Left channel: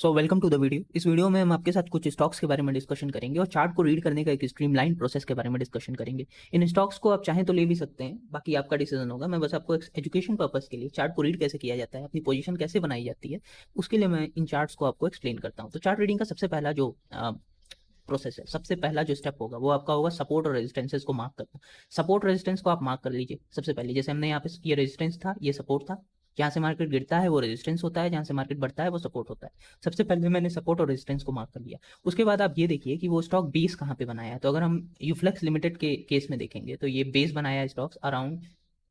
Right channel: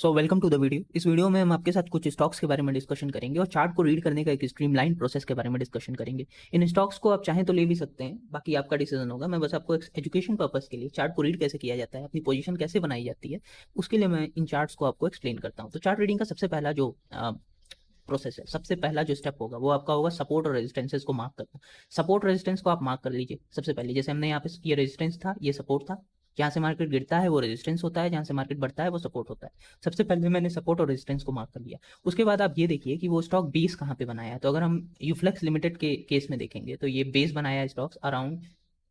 So welcome to the video. इस video में हम आपके साथ कुछ स्टॉक्स के बारे में डिस्कशन करेंगे और चार्ट को रीड करने का एक स्ट्रीमलाइन प्रोसेस के बारे में डिस्कशन करेंगे। इन स्टॉक्स को आप चाहें तो ले भी सकते हैं, बाकी आपका डिसीजन होगा। मैं बस आपको एजुकेशन पर्पस के लिए चार्ट को रीड कैसे किया जाता है, अपनी पोजीशन कैसे बनाई जाती है, उसके लिए मैं इन चार्ट्स को आपको एक्सप्लेन करता हूँ। तो चार्ट रीडिंग का सबसे पहला जो प्रोसेस है, सबसे पहला जो स्टेप होगा वो आपका होगा सपोर्ट और रेजिस्टेंसेस को मार्क करना। सपोर्ट रेजिस्टेंस को आप मार्क कर लीजिए सबसे पहले। जैसे हमने यहाँ पे ये रेजिस्टेंस था, ये सपोर्ट था। जहाँ से मार्केट गिरता है वो रेजिस्टेंस होता है, जहाँ से मार्केट बढ़ता है वो सपोर्ट होता है। सबसे पहले मैंने सपोर्ट और रेजिस्टेंस को मार्क कर लिया। उसके बाद आप ये देखिए कि वो स्टॉक बेस कहाँ पे बनाया है। तो अगर हम यूफ्लक्स लिमिटेड के केस में देखेंगे तो ये बेस बनाया है स्टॉक्स अराउंड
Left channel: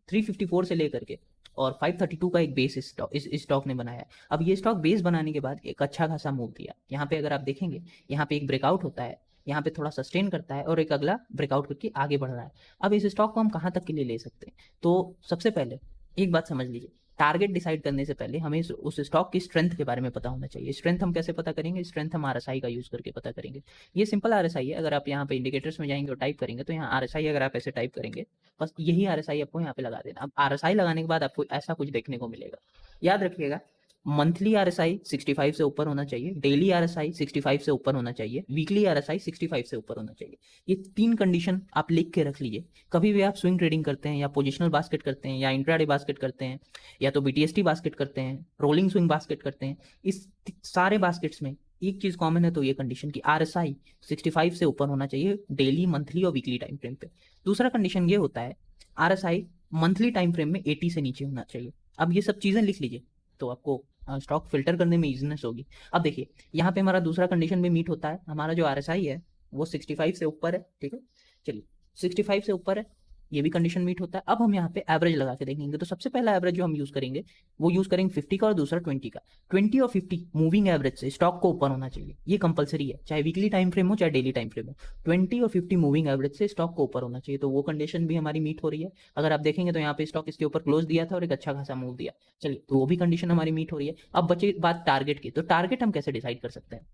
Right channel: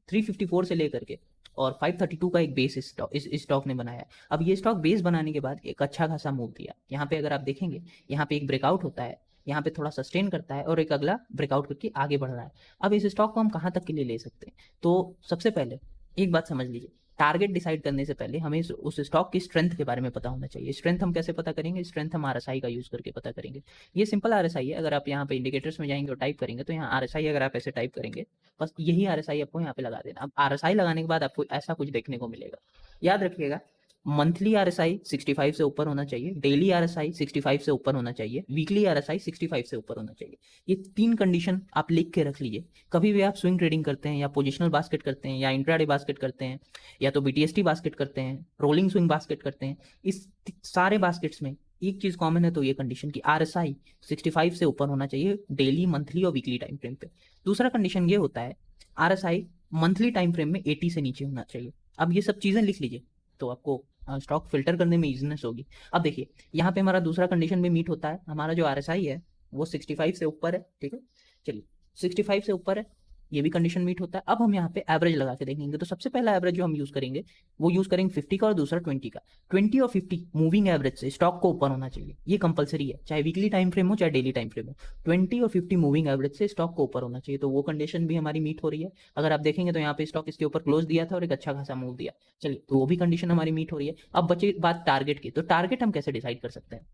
354 से लेकर के और 532 का एक बेस इस स्टॉक ने बनाया। अब ये स्टॉक बेस बनाने के बाद एक अच्छा खासा मूव दिया। यहाँ पे अगर आप देखेंगे, यहाँ पे एक ब्रेकआउट होता है, यहाँ पे थोड़ा सस्टेन करता है और एक अगला ब्रेकआउट करके आगे बढ़ रहा है। अब इस स्टॉक को हम कहाँ तक के लिए ले सकते हैं? तो सबसे पहले एक बात समझ लीजिए, टारगेट डिसाइड करने से पहले हमें उस स्टॉक की स्ट्रेंथ के बारे में पता होना चाहिए। स्ट्रेंथ हम कैसे पता करेंगे? स्ट्रेंथ हम आरएसआई का यूज करके पता करेंगे। ये सिंपल आरएसआई है। अगर आप यहाँ पे इंडिकेटर्स में जाएंगे और टाइप करेंगे तो यहाँ आरएसआई अगर आप ऐसे टाइप करेंगे, बस यही आरएसआई आपको यहाँ पे लगा देना। अब आरएसआई लगाने के बाद आपको ऐसा कुछ देखने को मिलेगा। याद रखिएगा, मंथली आरएसआई 65 से ऊपर होना चाहिए, डेली आरएसआई 65 से ऊपर होना चाहिए, वीकली आरएसआई 65 से ऊपर होना चाहिए। ये तीन कंडीशन आप लिख के रख लीजिए। कभी भी आप स्विंग ट्रेडिंग करते हैं या पोजिशनल बास्केट करते हैं या इंट्राडे बास्केट करते हैं या तो बीटीएसटी बास्केट करते हैं, रोलिंग स्विंग बास्केट करते हैं, इस सारे बास्केट्स में एक चीज कॉमन है, तो ये कंडीशन की आरएसआई 65 से ऊपर होना चाहिए डेली, मंथली और वीकली टाइम फ्रेम पे। दूसरा कंडीशन ये होता है, आरएसआई मंथली टाइम फ्रेम में 80 से नीचे होना चाहिए। अब ये सब चीजें लिख लीजिए तो आपको स्टॉक फिल्टर करने में इजीनेस होगी। अब देखिए, यहाँ पे हमारा दूसरा कंडीशन भी मीट होता है। हमारा जो आरएसआई है वो 65 से ऊपर है, ठीक है। चलिए, 65 से ऊपर है, ये भी कंडीशन मीट होता है। अब हम यहाँ पे एवरेज लगा के देखेंगे। तो सबसे पहला एवरेज जो हम यूज करेंगे वो यूज करेंगे 50 का और दूसरा 20 का। 20 और 50 मूविंग एवरेज से स्टॉक को ऊपर होना चाहिए, ये कंपलसरी है, चाहे वीकली टाइम फ्रेम हो चाहे डेली टाइम फ्रेम हो। 20 और 50 मूविंग एवरेज से स्टॉक को ऊपर होना चाहिए, तो वो कंडीशन भी हमारी मीट हो रही है। अगर आप देखेंगे तो यहाँ पे स्टॉक इसके ऊपर क्लोज दिया था और एक अच्छा खासा मूव दिया। चलिए, तो वो भी कंडीशन हमारी मीट हो रही है। अब बची बात टारगेट की। तो टारगेट हम कैसे डिसाइड कर सकते हैं?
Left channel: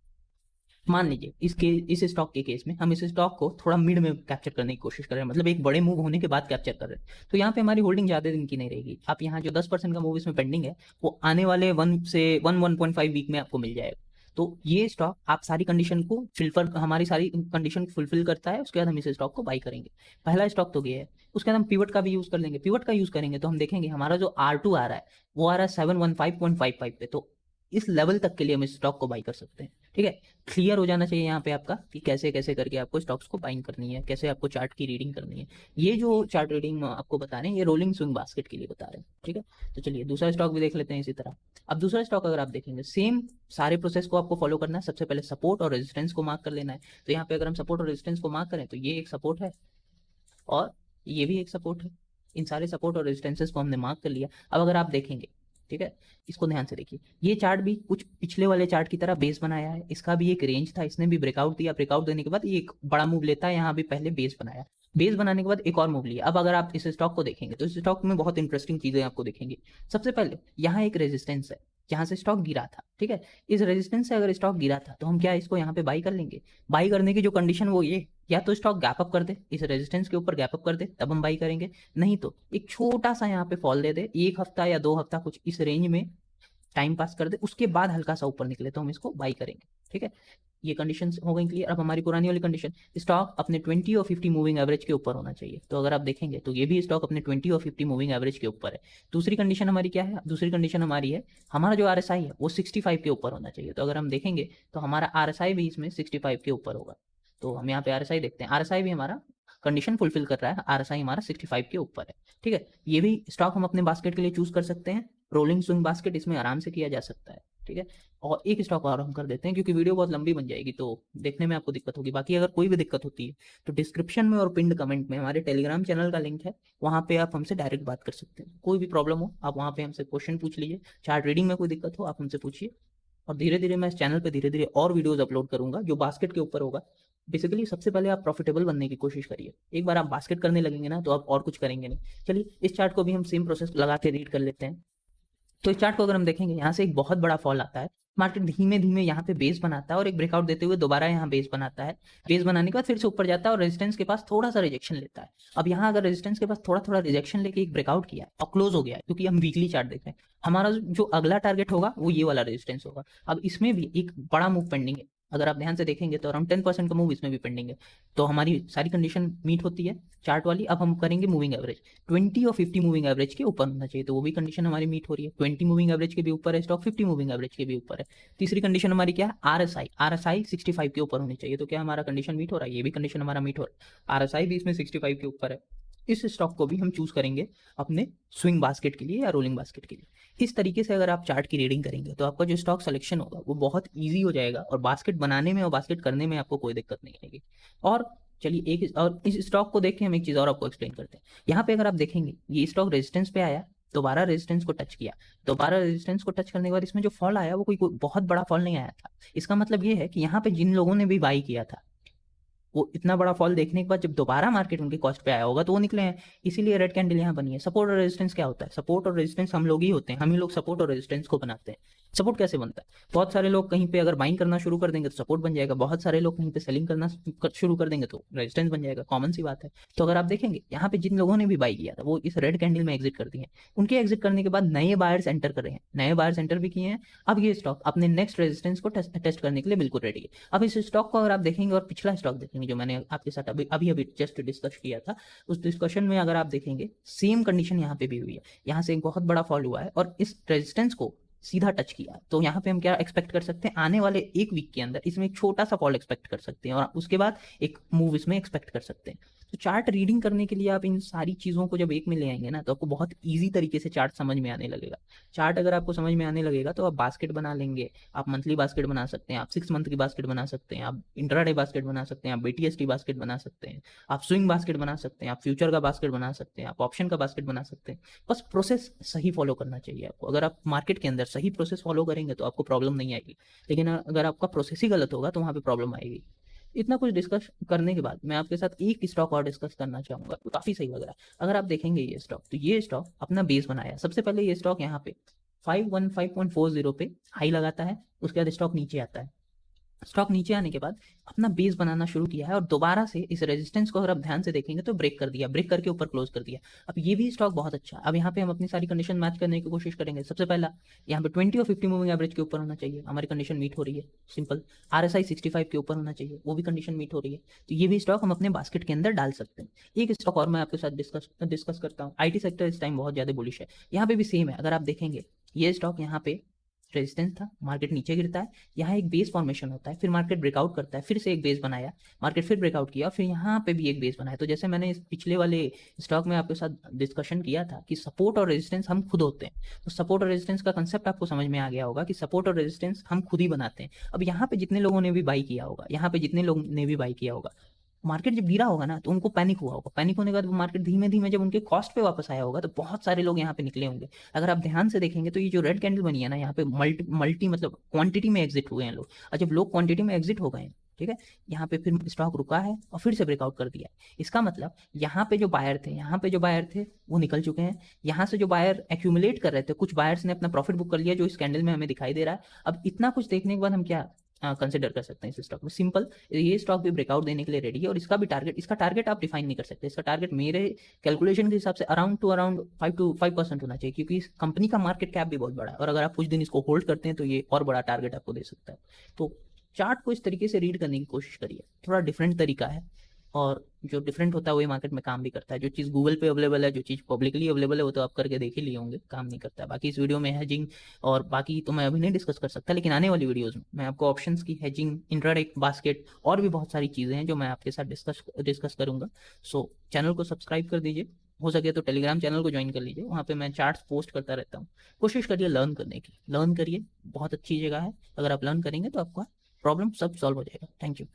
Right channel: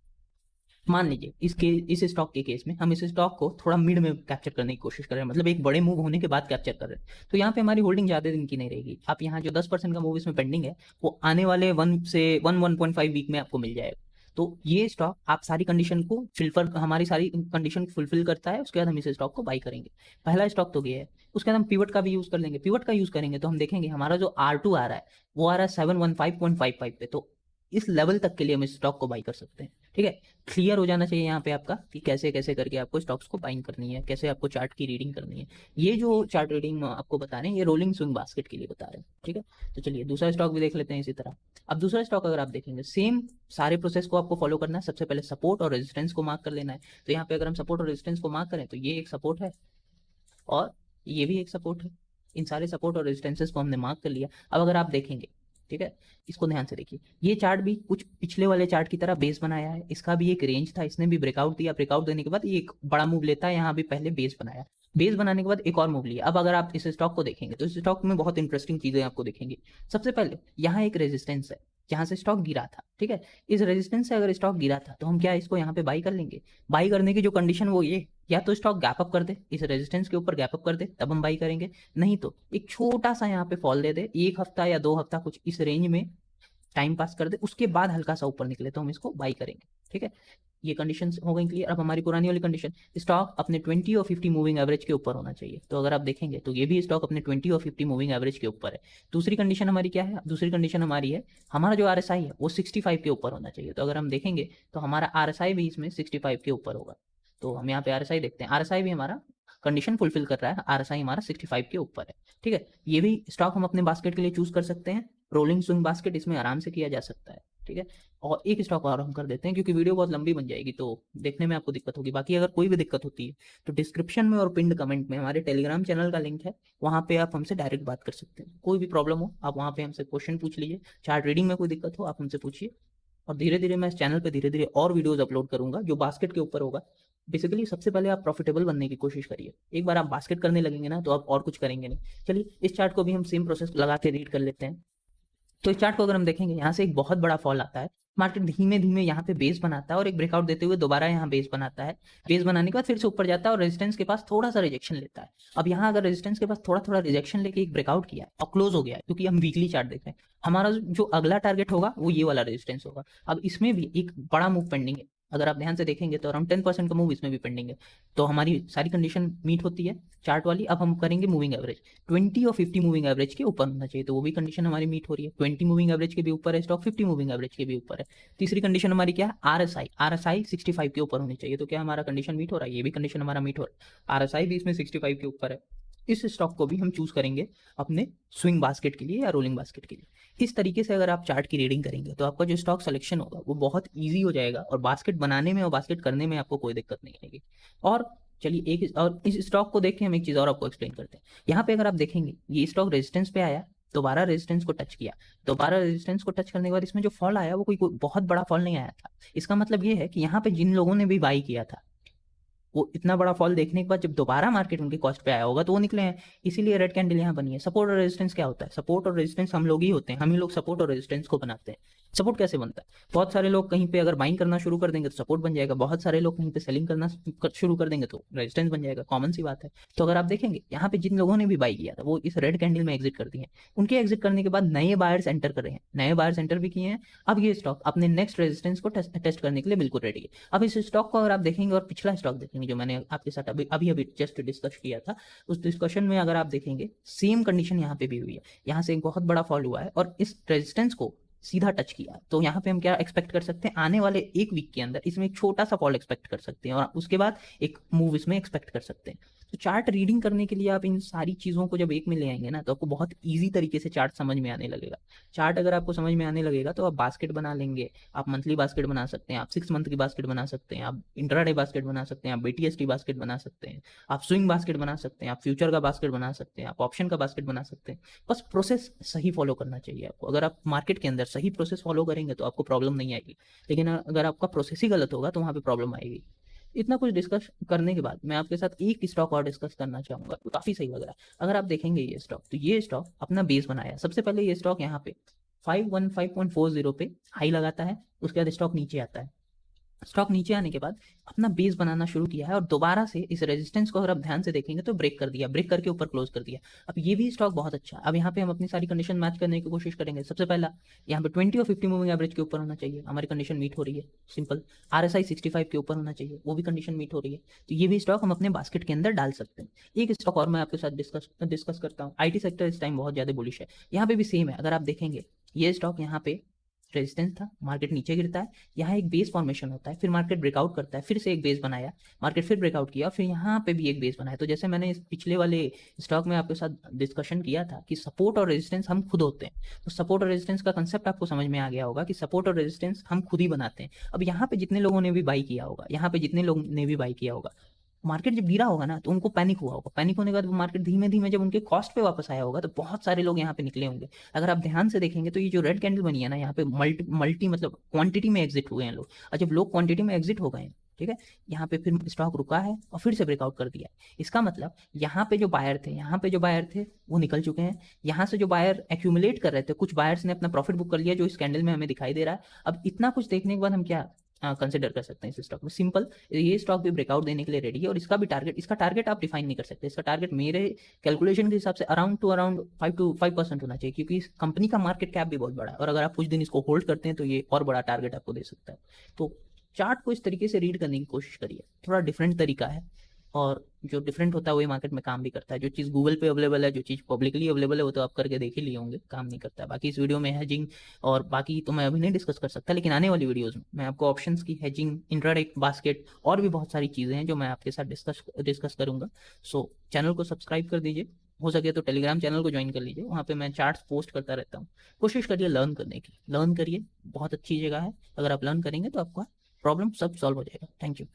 मान लीजिए इस स्टॉक के केस में हम इस स्टॉक को थोड़ा मिड में कैप्चर करने की कोशिश कर रहे हैं, मतलब एक बड़े मूव होने के बाद कैप्चर कर रहे हैं। तो यहाँ पे हमारी होल्डिंग ज्यादा दिन की नहीं रहेगी। आप यहाँ जो 10% का मूव इसमें पेंडिंग है वो आने वाले 1.5 वीक में आपको मिल जाएगा। तो ये स्टॉक आप सारी कंडीशन को फिलफल, हमारी सारी कंडीशन फुलफिल करता है। उसके बाद हम इस स्टॉक को बाई करेंगे। पहला स्टॉक तो ये है। उसके बाद हम पिवट का भी यूज कर लेंगे। पिवट का यूज करेंगे तो हम देखेंगे हमारा जो R2 आ रहा है वो आ रहा है 715.55 पे। तो इस लेवल तक के लिए हम इस स्टॉक को बाई कर सकते हैं, ठीक है। क्लियर हो जाना चाहिए यहाँ पे आपका कि कैसे कैसे करके आपको स्टॉक्स को बाइंग करनी है, कैसे आपको चार्ट की रीडिंग करनी है। ये जो चार्ट रीडिंग आपको बता रहे हैं ये रोलिंग स्विंग बास्केट के लिए बता रहे हैं, ठीक है। तो चलिए दूसरा स्टॉक भी देख लेते हैं इसी तरह। अब दूसरा स्टॉक अगर आप देखेंगे, सेम सारे प्रोसेस को आपको फॉलो करना है। सबसे पहले सपोर्ट और रेजिस्टेंस को मार्क कर लेना है। तो यहाँ पे अगर हम सपोर्ट और रेजिस्टेंस को मार्क करें तो ये एक सपोर्ट है और ये भी एक सपोर्ट है। इन सारे सपोर्ट और रेजिस्टेंसेस को हमने मार्क कर लिया। अब अगर आप देखेंगे, ठीक है, इसको ध्यान से देखिए, ये चार्ट भी कुछ पिछले वाले चार्ट की तरह बेस बनाया है। इसका भी एक रेंज था, इसने भी ब्रेकआउट दिया। ब्रेकआउट देने के बाद ये एक बड़ा मूव लेता है। यहाँ भी पहले बेस बनाया, बेस बनाने के बाद एक और मूव लिया। अब अगर आप इस स्टॉक को देखेंगे तो इस स्टॉक में बहुत इंटरेस्टिंग चीजें आपको देखेंगे। सबसे पहले यहाँ एक रेजिस्टेंस है जहां से स्टॉक गिरा था, ठीक है। इस रेजिस्टेंस से अगर स्टॉक गिरा था तो हम क्या इसको यहाँ पे बाई कर लेंगे? बाई करने की जो कंडीशन वो ये, या तो स्टॉक गैप अप कर दे, इस रेजिस्टेंस के ऊपर गैप अप कर दे, तब हम बाई करेंगे। नहीं तो एक छोटा सा यहाँ पे फॉल दे दे, एक हफ्ता या 2 हफ्ता कुछ इस रेंज में टाइम पास कर दे, उसके बाद हल्का सा ऊपर निकले तो हम इसको बाई करेंगे, ठीक है। ये कंडीशन हो गई क्लियर। अब हमारी पुरानी वाली कंडीशन, स्टॉक अपने 20 और 50 मूविंग एवरेज के ऊपर होना चाहिए। तो अगर आप देखेंगे तो ये भी स्टॉक अपने 20 और 50 मूविंग एवरेज के ऊपर है। दूसरी कंडीशन हमारी क्या है? दूसरी कंडीशन हमारी है, हमारा जो आरएसआई है वो 65 के ऊपर होना चाहिए। तो अगर हम देखेंगे तो हमारा आरएसआई भी इसमें 65 के ऊपर होगा। तो हम यहाँ पे आरएसआई देखते हैं, आरएसआई भी हमारा कंडीशन फुलफिल कर रहा है, आरएसआई हमारा 65 के ऊपर है, ठीक है। ये भी स्टॉक हम अपने बास्केट के लिए चूज कर सकते हैं। रोलिंग स्विंग बास्केट इसमें आराम से किया जा सकता है, ठीक है। और एक स्टॉक और हम कर देते हैं क्योंकि वीडियो बहुत लंबी बन जाएगी तो देखने में आपको दिक्कत होगी। बाकी अगर कोई भी दिक्कत होती है तो डिस्क्रिप्शन में और पिंड कमेंट में हमारे टेलीग्राम चैनल का लिंक है, वहाँ पे आप हमसे डायरेक्ट बात कर सकते हैं। कोई भी प्रॉब्लम हो आप वहाँ पे हमसे क्वेश्चन पूछ लीजिए। चार्ट रीडिंग में कोई दिक्कत हो आप हमसे पूछिए। और धीरे धीरे मैं इस चैनल पे धीरे धीरे और वीडियोस अपलोड करूंगा जो बास्केट के ऊपर होगा। बेसिकली सबसे पहले आप प्रॉफिटेबल बनने की कोशिश करिए। एक बार आप बास्केट करने लगेंगे ना तो आप और कुछ करेंगे नहीं। चलिए इस चार्ट को भी हम सेम प्रोसेस लगाते रीड कर लेते हैं। तो इस चार्ट को अगर हम देखेंगे, यहाँ से एक बहुत बड़ा फॉल आता है मार्केट धीमे धीमे यहाँ पे बेस बनाता है और एक ब्रेकआउट देते हुए दोबारा यहाँ बेस बनाता है। बेस बनाने के बाद फिर से ऊपर जाता है और रेजिस्टेंस के पास थोड़ा सा रिजेक्शन लेता है। अब यहाँ अगर रेजिस्टेंस के पास थोड़ा थोड़ा रिजेक्शन लेके एक ब्रेकआउट किया और क्लोज हो गया, क्योंकि हम वीकली चार्ट देख रहे हैं, हमारा जो अगला टारगेट होगा वो ये वाला रेजिस्टेंस होगा। अब इसमें भी एक बड़ा मूव पेंडिंग है, अगर आप ध्यान से देखेंगे तो अराउंड 10% का मूव इसमें भी पेंडिंग है। तो हमारी सारी कंडीशन मीट होती है चार्ट वाली। अब हम करेंगे मूविंग एवरेज, 20 और 50 मूविंग एवरेज के ऊपर होना चाहिए, तो वो भी कंडीशन हमारी मीट हो रही है। 20 मूविंग एवरेज के भी ऊपर है स्टॉक, 50 मूविंग एवरेज के भी ऊपर है। तीसरी कंडीशन हमारी क्या है, आरएसआई, आरएसआई 65 के ऊपर होनी चाहिए। तो क्या हमारा कंडीशन मीट हो रहा है, ये भी कंडीशन हमारा मीट हो रहा है, आरएसआई भी इसमें 65 के ऊपर है। इस स्टॉक को भी हम चूज करेंगे अपने स्विंग बास्केट के लिए या रोलिंग बास्केट के लिए। इस तरीके से अगर आप चार्ट की रीडिंग करेंगे तो आपका जो स्टॉक सिलेक्शन होगा वो बहुत ईजी हो जाएगा और बास्केट बनाने में और बास्केट करने में आपको कोई दिक्कत नहीं होगी। और चलिए एक और इस स्टॉक को देखते हैं, एक चीज और आपको एक्सप्लेन करते हैं। यहाँ पे अगर आप देखेंगे ये स्टॉक रेजिस्टेंस पे है, दोबारा रेजिस्टेंस को टच किया, दोबारा रेजिस्टेंस को टच करने के बाद इसमें जो फॉल आया वो कोई बहुत बड़ा फॉल नहीं आया था। इसका मतलब ये है कि यहाँ पे जिन लोगों ने भी बाई किया था वो इतना बड़ा फॉल देखने के बाद जब दोबारा मार्केट उनके कॉस्ट पे आया होगा तो वो निकले हैं। इसीलिए रेड कैंडल यहाँ बनी है। सपोर्ट और रेजिस्टेंस क्या होता है, सपोर्ट और रेजिस्टेंस हम लोग ही होते हैं, हम ही लोग सपोर्ट और रेजिस्टेंस को बनाते हैं। सपोर्ट कैसे बनता है, बहुत सारे लोग कहीं पे अगर बाइंग करना शुरू कर देंगे तो सपोर्ट बन जाएगा, बहुत सारे लोग कहीं पे सेलिंग करना शुरू कर देंगे तो रेजिस्टेंस बन जाएगा, कॉमन सी बात है। तो अगर आप देखेंगे यहाँ पे जिन लोगों ने भी बाई किया था वो इस रेड कैंडल में एग्जिट कर दिए हैं, उनके एग्जिट करने के बाद नए बायर्स एंटर कर रहे हैं, नए बायर्स एंटर भी किए हैं। अब ये स्टॉक अपने नेक्स्ट रेजिस्टेंस को टेस्ट करने के लिए बिल्कुल रेडी है। अब इस स्टॉक को अगर आप देखेंगे और पिछला स्टॉक देखेंगे जो मैंने आपके साथ अभी अभी अभी जस्ट डिस्कस किया था, उस डिस्कशन में अगर आप देखेंगे सेम कंडीशन यहाँ पे भी हुई है। यहाँ से एक बहुत बड़ा फॉल हुआ है और इस रेजिस्टेंस को सीधा टच किया। तो यहाँ पे हम क्या एक्सपेक्ट कर सकते हैं, आने वाले एक वीक के अंदर इसमें एक छोटा सा फॉल एक्सपेक्ट कर सकते हैं और उसके बाद एक मूव इसमें एक्सपेक्ट कर सकते हैं। तो चार्ट रीडिंग करने के लिए आप इन सारी चीज़ों को जब एक में ले आएंगे ना तो आपको बहुत ईजी तरीके से चार्ट समझ में आने लगेगा। चार्ट अगर आपको समझ में आने लगेगा तो आप बास्केट बना लेंगे, आप मंथली बास्केट बना सकते हैं, आप 6 मंथ की बास्केट बना सकते हैं, आप इंट्राडे बास्केट बना सकते हैं, आप बीटीएसटी बास्केट बना सकते हैं, आप स्विंग बास्केट बना सकते हैं, आप फ्यूचर का बास्केट बना सकते हैं, आप ऑप्शन का बास्केट बना सकते हैं। बस प्रोसेस सही फॉलो करना चाहिए आपको। अगर आप मार्केट के अंदर सही प्रोसेस फॉलो करेंगे तो आपको प्रॉब्लम नहीं आएगी, लेकिन अगर आपका प्रोसेस ही गलत होगा तो वहाँ पे प्रॉब्लम आएगी। इतना कुछ डिस्कस करने के बाद मैं आपके साथ एक स्टॉक और डिस्कस करना चाहूंगा, तो काफी सही लग रहा है। अगर आप देखेंगे ये स्टॉक, तो ये स्टॉक अपना बेस बनाया। सबसे पहले ये स्टॉक यहाँ पे 515.40 पे हाई लगाता है, उसके बाद स्टॉक नीचे आता है। स्टॉक नीचे आने के बाद अपना बेस बनाना शुरू किया है और दोबारा से इस रेजिस्टेंस को अगर आप ध्यान से देखेंगे तो ब्रेक कर दिया, ब्रेक करके ऊपर क्लोज कर दिया। अब ये भी स्टॉक बहुत अच्छा है। अब यहाँ पे हम अपनी सारी कंडीशन मैच करने की कोशिश करेंगे। सबसे पहला यहाँ पे 20 और 50 मूविंग एवरेज के ऊपर होना चाहिए, हमारी कंडीशन मीट हो रही है। सिंपल। आरएसआई 65 के ऊपर होना चाहिए, वो भी कंडीशन मीट हो रही है। तो ये भी स्टॉक हम अपने बास्केट के अंदर डाल सकते हैं। एक स्टॉक और मैं आपके साथ डिस्कस करता हूँ। आईटी सेक्टर इस टाइम बहुत ज्यादा बुलिश है, यहाँ पे भी सेम है। अगर आप देखेंगे ये स्टॉक यहाँ पे रेजिस्टेंस था, मार्केट नीचे गिरता है, यहाँ एक बेस फॉर्मेशन होता है, फिर मार्केट ब्रेकआउट करता है, फिर से एक बेस बनाया, मार्केट फिर ब्रेकआउट किया, फिर यहाँ पे भी एक बेस बनाया। तो जैसे मैंने इस पिछले वाले स्टॉक में आपके साथ डिस्कशन किया था कि सपोर्ट और रेजिस्टेंस हम खुद होते हैं, तो सपोर्ट और रेजिस्टेंस का कंसेप्ट आपको समझ में आ गया होगा कि सपोर्ट और रेजिस्टेंस हम खुद ही बनाते हैं। अब यहाँ पे जितने लोगों ने भी बाई किया होगा, यहाँ पे जितने लोगों ने भी बाई किया होगा, मार्केट जब गिरा होगा ना तो उनको पैनिक हुआ होगा, पैनिक होने के बाद मार्केट धीमे धीमे जब उनके कॉस्ट पे वापस आया होगा तो बहुत सारे लोग यहाँ पे निकले होंगे। अगर आप ध्यान से देखेंगे तो ये जो रेड कैंडल बनी है ना, यहाँ पे मल्टी मल्टी मतलब क्वांटिटी में एग्जिट हुए हैं लोग, और जब लोग क्वांटिटी में एग्जिट हो गए, ठीक है, यहाँ पे फिर स्टॉक रुका है और फिर से ब्रेकआउट कर दिया। इसका मतलब यहाँ पे जो बायर थे, यहाँ पे जो बायर थे वो निकल चुके हैं। यहाँ से जो बायर एक्यूमुलेट कर रहे थे, कुछ बायर्स ने अपना प्रॉफिट बुक कर लिया जो इस कैंडल में हमें दिखाई दे रहा है। अब इतना कुछ देखने के बाद हम क्या कंसिडर कर सकते हैं इस स्टॉक में, सिंपल, ये स्टॉक भी ब्रेकआउट देने के लिए रेडी है और इसका भी टारगेट, इसका टारगेट आप डिफाइन नहीं कर सकते। इसका टारगेट मेरे कैलकुलेशन के हिसाब से अराउंड 5% होना चाहिए, क्योंकि इस कंपनी का मार्केट कैप भी बहुत बड़ा है और अगर आप कुछ दिन इसको होल्ड करते हैं तो ये और बड़ा टारगेट आपको दे सकता है। तो चार्ट को इस तरीके से रीड करने की कोशिश करिए, थोड़ा डिफरेंट तरीका है और जो डिफरेंट होता है वही मार्केट में काम भी करता है। जो चीज़ गूगल पे अवेलेबल है, जो चीज़ पब्लिकली अवेलेबल है, वो तो आप करके देख ही लिए होंगे, काम नहीं करता है। बाकी इस वीडियो में हेजिंग और बाकी तो मैं अभी नहीं डिस्कस कर सकता, लेकिन आने वाली वीडियोस में मैं आपको ऑप्शंस की हेजिंग, इंट्राडे बास्केट और भी बहुत सारी चीज़ें हैं जो मैं आपके साथ डिस्कस करूंगा। सो चैनल को सब्सक्राइब कर दीजिए, हो सके तो टेलीग्राम चैनल को ज्वाइन कर लीजिए, वहाँ पे मैं चार्ट्स पोस्ट करता रहता हूँ। कोशिश करिए लर्न करने की, लर्न करिए, बहुत अच्छी जगह है। अगर आप लर्न करेंगे तो आपका प्रॉब्लम सब सॉल्व हो जाएगा। Thank you.